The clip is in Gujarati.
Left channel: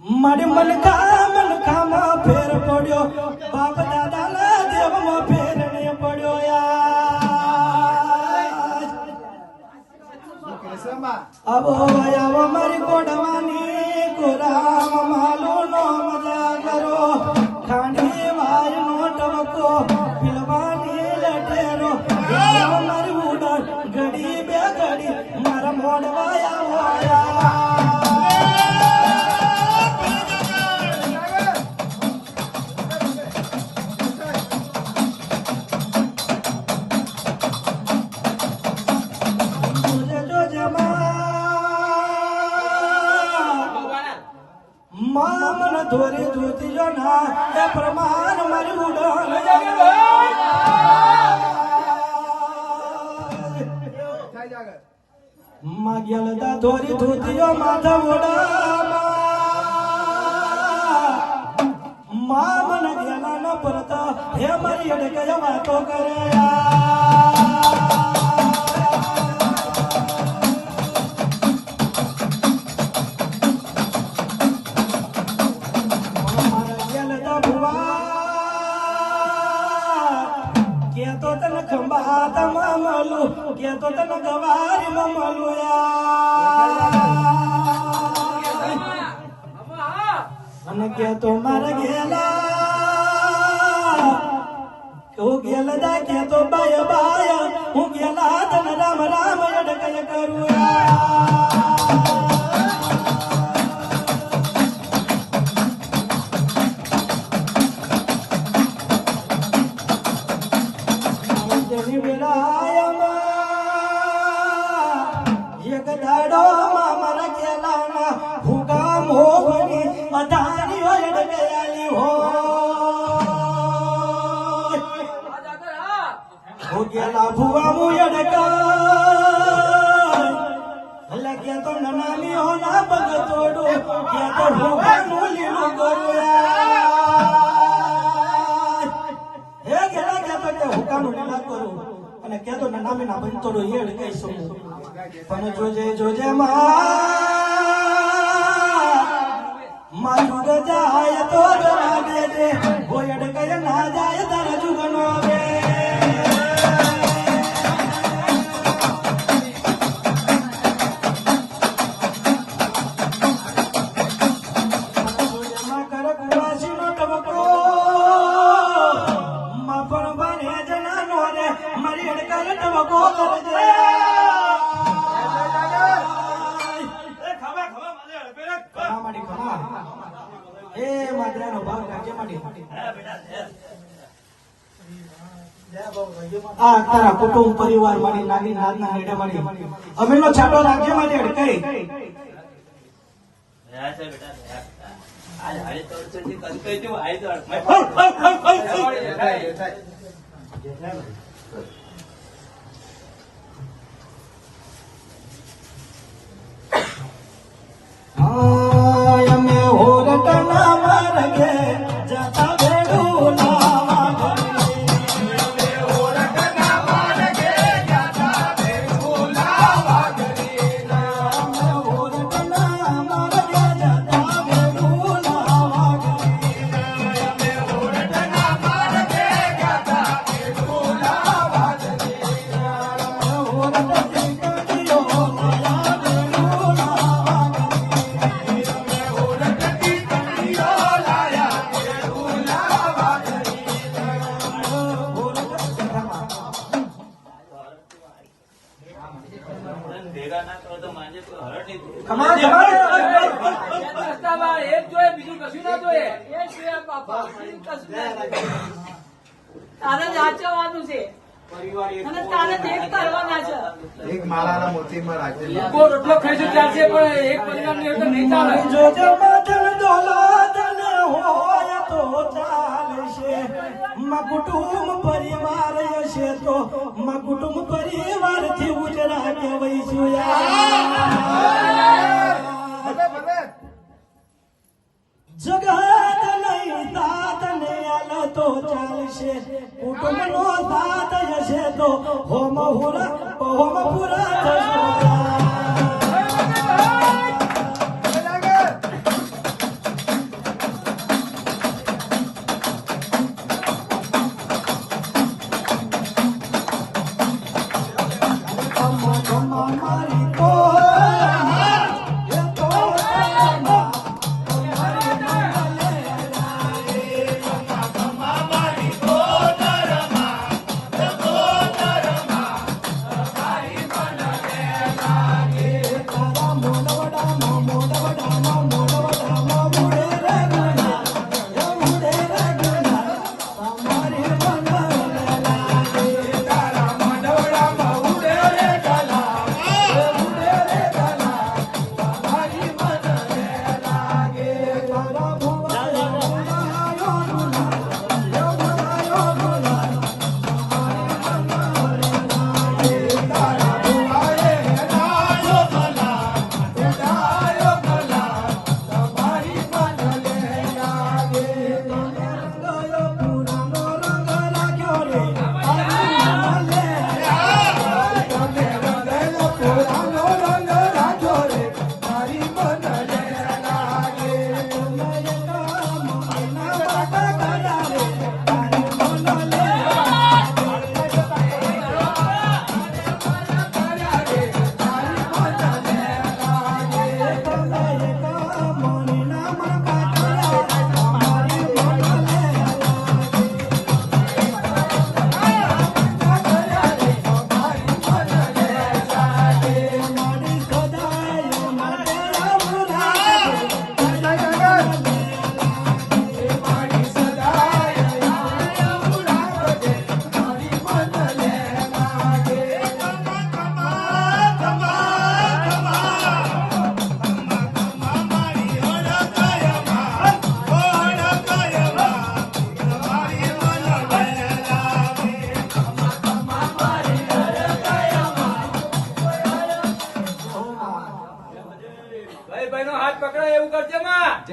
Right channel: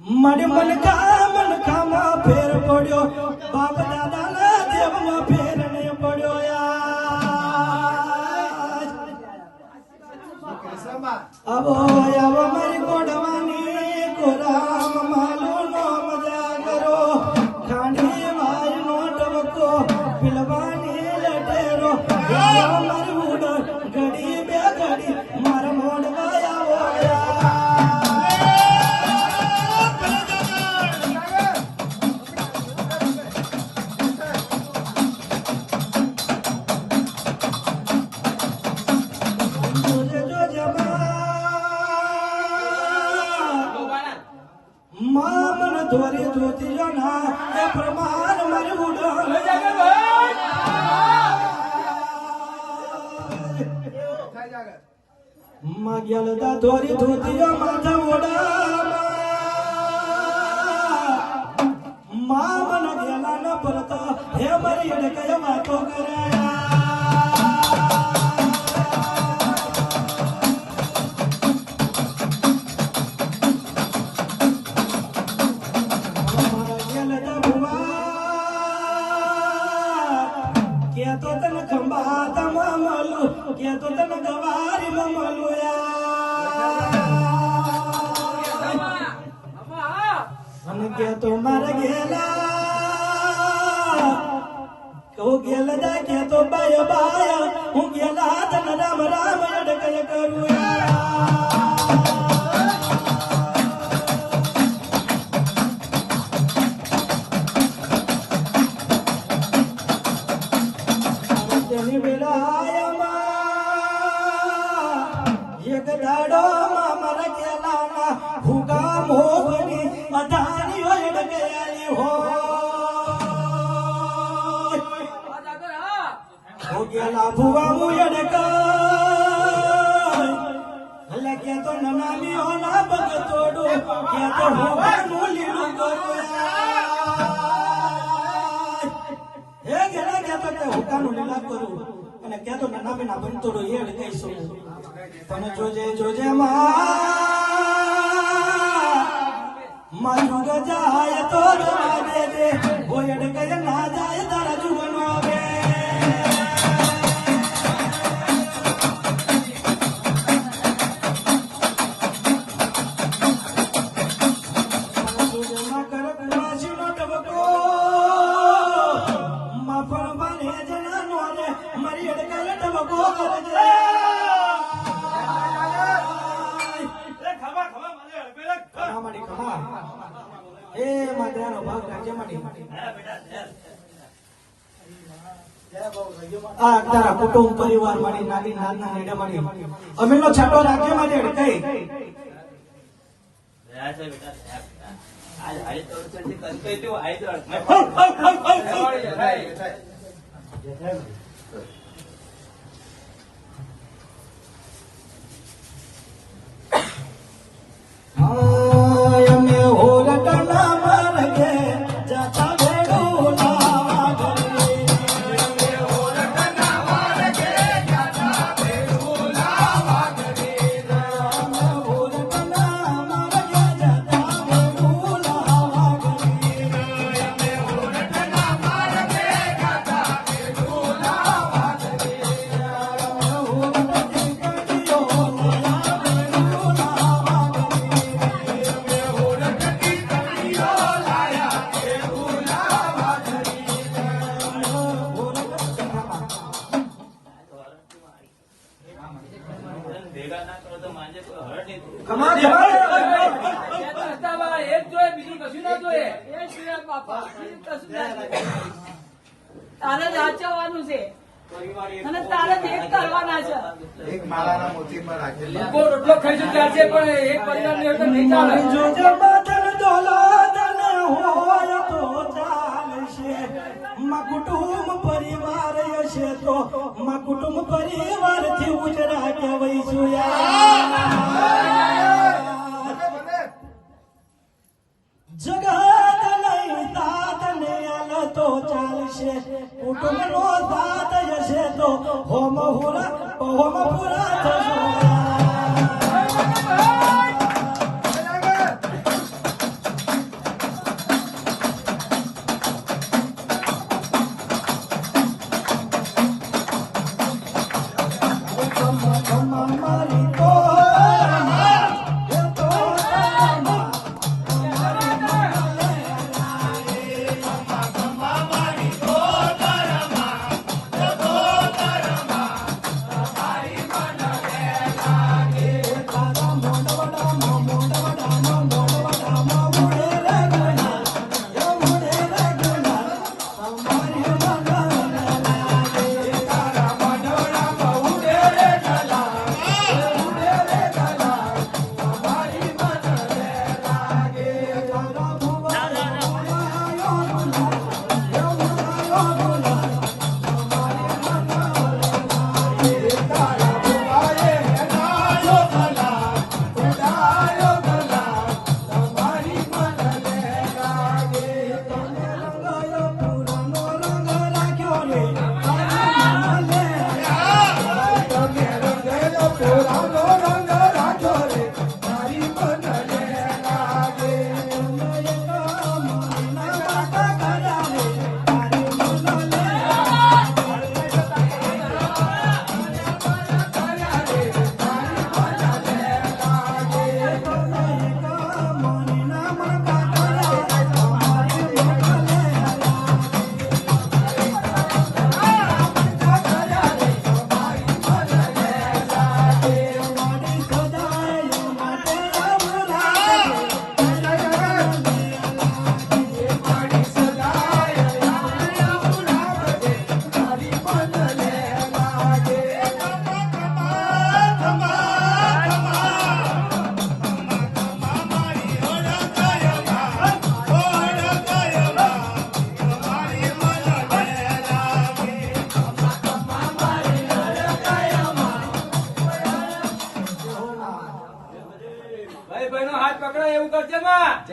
મારે મનખામાં ફેર પડ્યો બાપ દાદાના દેવમાં ફેર નહીં પડ્યો આવો આવો મારી ગોડવાની ગોરામ માલો નો મજા કરો ખાંડી વાર નો ટવકો પીલવાની લટેરો મારી ઉડા ઘડી બે ઘડી મારા મોડવા આવો ધોરી ધોતી ના એ પ્રમાણ મારી ઉડાન માગ્યા લદા ધોરી ધોતી માથા ઉડા મા મન ગેલા ન પરતા હે મારી અડે કયા વાતો કરે તો તન ખંબા તમા મળું કે તો તન ગવારી મળું અને કે તો મારે ગેલા કહું ગેલ જા કે તો બાય બાય હું ગેલા તન રામ રામ અડકય કરું ગેલા ભુવા મુયડકા લગે તો નનામી હોના બગતોડું કે તો ભુવા મુલીનું ગોરા હે ગેલા કે તો કે હુકાનું નના કરું અને કે તો નનામી ના બંતોડો એડ કઈશું પણ જોજે મારું જાય તો જવા દેજે ગોયડ કય ના જાય તારા જુગનો આવે તારા કુટુંબ પરિવાર મારી નાની નાના હેડા મારી અમીનો છાટો રાખજે મારી અડકાઈ તારે જ આચરવાનું છે અને તારે ભેગ કરવાના છે એક માળાના મોતીમાં રાખેલા એટલો ખર્ચો ચાલશે પણ એક પરિવારને એટલે નહીં ચાલે જોજો મદન દોલતન હોય તો ચાલશે માં કુટુંબ પરિવાર હશે તો માં કુટુંબ પરિવાર થી ઉજરા કહેવાય જગત નહીં તાત ને આલ તો ચાલશે કુટુંબ નો સાથ હશે તો હોમ પૂરા થશે ભાઈ નો હાથ પકડાય એવું કરજે માં.